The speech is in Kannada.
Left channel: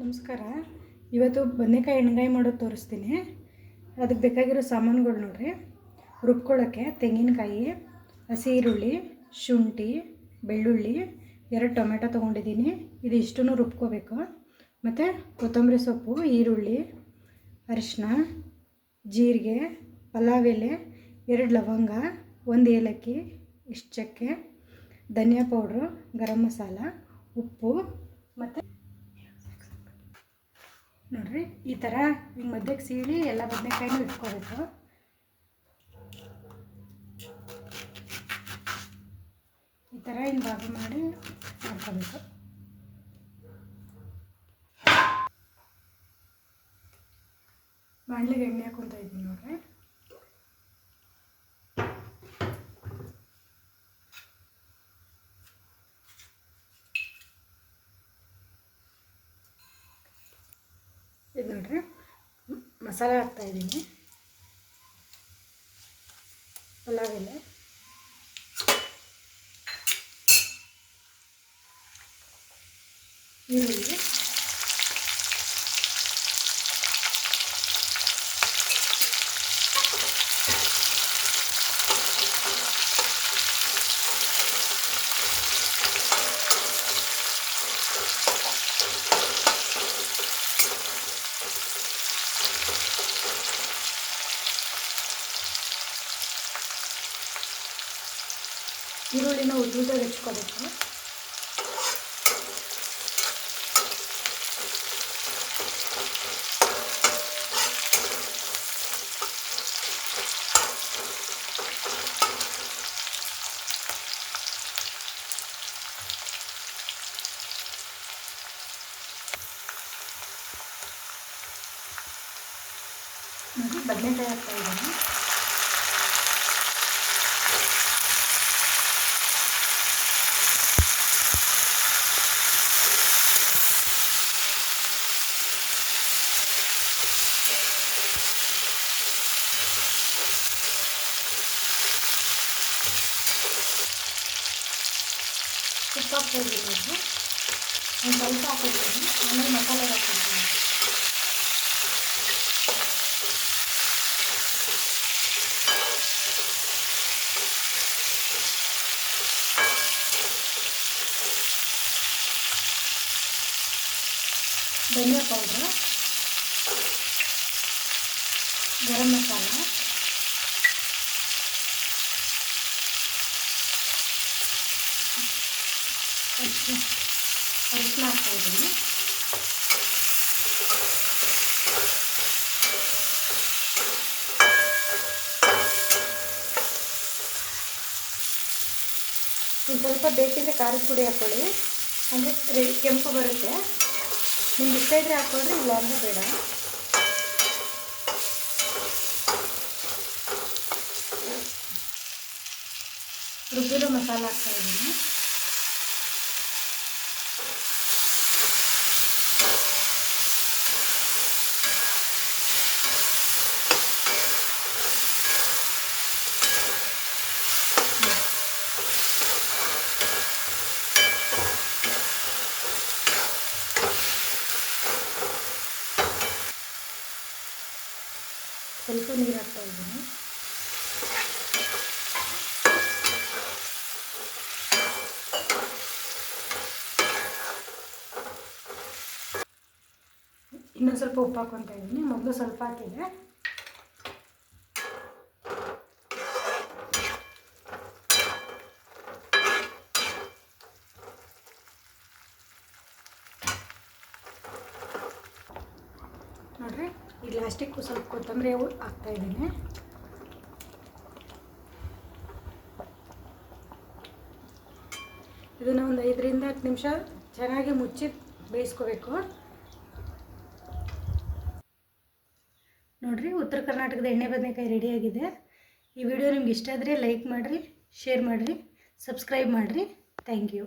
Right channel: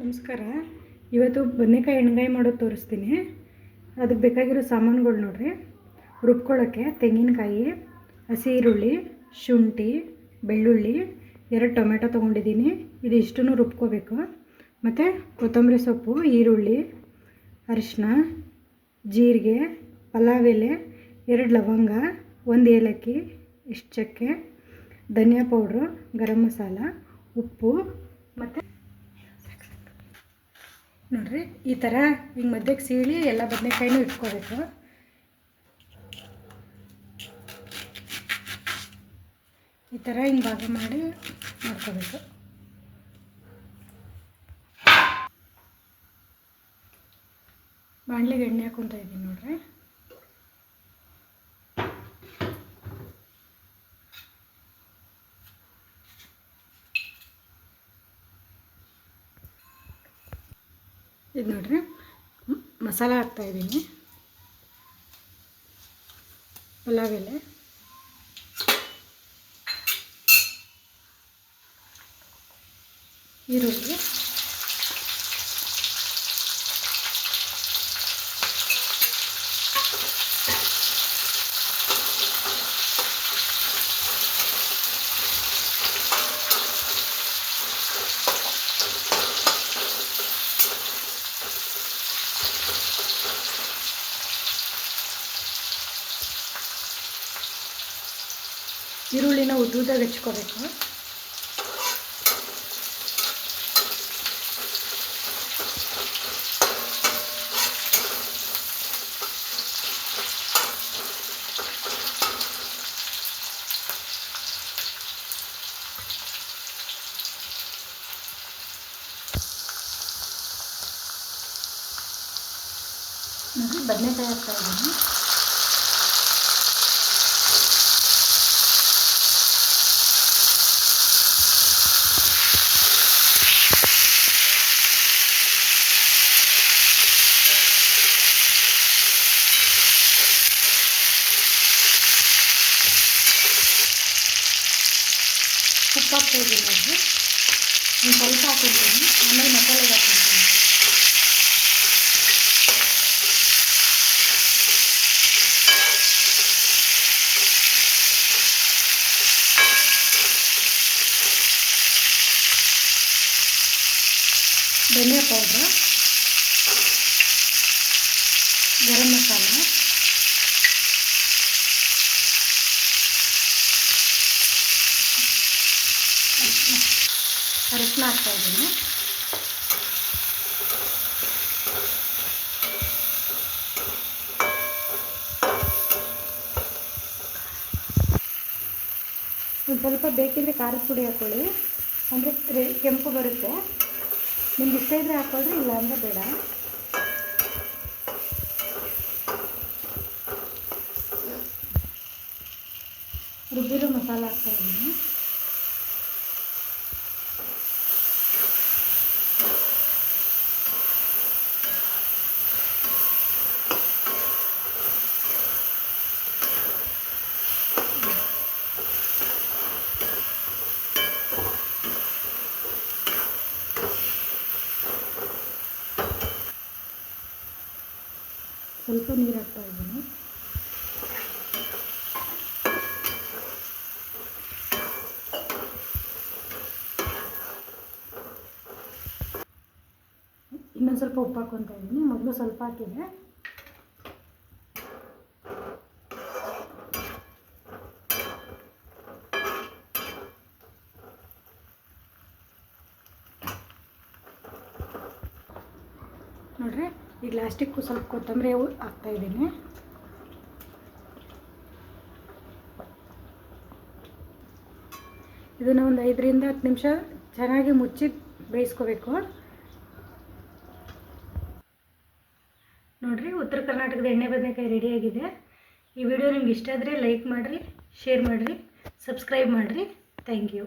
ನಮಸ್ಕಾರ. ಇವತ್ತು ಬದನೆಕಾಯಿ ಎಣ್ಗಾಯಿ ಮಾಡೋದು ತೋರಿಸ್ತೀನಿ. ಅದಕ್ಕೆ ಬೇಕಾಗಿರೋ ಸಾಮಾನುಗಳು ನೋಡ್ರಿ. ರುಬ್ಕೊಳ್ಳೋಕ್ಕೆ ತೆಂಗಿನಕಾಯಿ, ಹಸಿ ಈರುಳ್ಳಿ, ಶುಂಠಿ, ಬೆಳ್ಳುಳ್ಳಿ, 2 ಟೊಮೆಟೊ ತೊಗೊಂಡಿದ್ದೀನಿ. ಇದು ಇಷ್ಟನ್ನು ರುಬ್ಕೋಬೇಕು. ಮತ್ತು ಕೊತ್ತಂಬರಿ ಸೊಪ್ಪು, ಈರುಳ್ಳಿ, ಅರಿಶಿನ, ಜೀರಿಗೆ, ಪಲಾವ್ ಎಲೆ, 2 ಲವಂಗ, 1 ಏಲಕ್ಕಿ, ಇಷ್ಟು ಚಕ್ಕೆ, ಧನಿಯಾ ಪೌಡ್ರು, ಗರಂ ಮಸಾಲ, ಉಪ್ಪು ಮತ್ತು ನೋಡಿರಿ ಈ ಥರ ಹಿಂಗೆ ಮಧ್ಯಕ್ಕೆ ಸೀಳಿ ಎಲ್ಲ ಬದನೆಕಾಯಿನೂ ಇಟ್ಕೋಬೇಕು. ಈ ಥರ ಹಿಂಗೆ ಭಾಗ ಮಾಡಿ ಮಾಡ್ಕೋಬೇಕು. ಬಾಣಲೆಗೆ ಎಣ್ಣೆ ಹಾಕ್ಕೊತಾ ಇದ್ದೀನಿ ನೋಡ್ರಿ. ಇದು ನೋಡ್ರಿ ಮಸಾಲೆ ಹಾಕ್ತಾಯಿದ್ದೀನಿ. ಪಲಾವ್ ಎಲೆ, ಈರುಳ್ಳಿ, ಈರುಳ್ಳಿನ ಉದ್ದುದಾಗಿ ಹೆಚ್ಕೋಬೇಕು. ನೋಡಿ ಬದನೆಕಾಯಿ ಹಾಕ್ತಾ ಇದ್ದೀನಿ. ಉಪ್ಪು ಹಾಕ್ತಾಯಿದ್ದೀನಿ. ಒಂದು ಸ್ವಲ್ಪ ಹಾಕಿದ್ದೀನಿ, ಆಮೇಲೆ ಮಸಾಲೆ ಹಾಕ್ತೀನಿ. ಧನಿಯಾ ಪೌಡ್ರು, ಗರಂ ಮಸಾಲ, ಅರಿಶಿನ ಹಾಕ್ತಾಯಿದ್ದೀನಿ. ಒಂದು ಸ್ವಲ್ಪ ಬೇಕಿದ್ರೆ ಖಾರದ ಪುಡಿ ಹಾಕ್ಕೊಳ್ಳಿ, ಅಂದರೆ ಕೆಂಪು ಬರುತ್ತೆ. ನಿಮ್ಗೆ ಇಷ್ಟ ಇದ್ದರೆ ಹಾಕ್ಕೊಳ್ರಿ, ಇಲ್ಲ ಅಂದರೆ ಬೇಡ. ರುಬ್ಬಿರೋ ಮಸಾಲ ಹಾಕ್ತಾಯಿದ್ದೀನಿ. ಸ್ವಲ್ಪ ನೀರು ಹಾಕ್ತಾಯಿದ್ದೀನಿ. ಇನ್ನೊಂದು ಸ್ವಲ್ಪ ಉಪ್ಪು ಹಾಕ್ಕೊತಾ ಇದ್ದೀನಿ. ಮೊದಲು ಸ್ವಲ್ಪ ಹಾಕಿದೆ. ನೋಡ್ರಿ ಈಗ ಲಾಸ್ಟಿಗೆ ಸ್ವಲ್ಪ ಕೊತ್ತಂಬರಿ ಹಾಕ್ತಾಯಿದ್ದೀನಿ. ಇದನ್ನು ಒಂದು 5ರಿಂದ 10 ನಿಮಿಷ ಚೆನ್ನಾಗಿ ಮುಚ್ಚಿ ಬೇಯಿಸ್ಕೋಬೇಕು. ನೋಡಿರಿ ಉತ್ತರ ಕರ್ನಾಟಕದ ಎಣ್ಣೆ ಬದನೆಕಾಯಿ ರೆಡಿಯಾಗಿದೆ. ಈ ವಿಡಿಯೋ ನಿಮ್ಗೆ ಇಷ್ಟ ಆದರೆ ಲೈಕ್ ಮಾಡಿರಿ, ಶೇರ್ ಮಾಡಿರಿ, ಸಬ್ಸ್ಕ್ರೈಬ್ ಮಾಡಿರಿ. Thank you.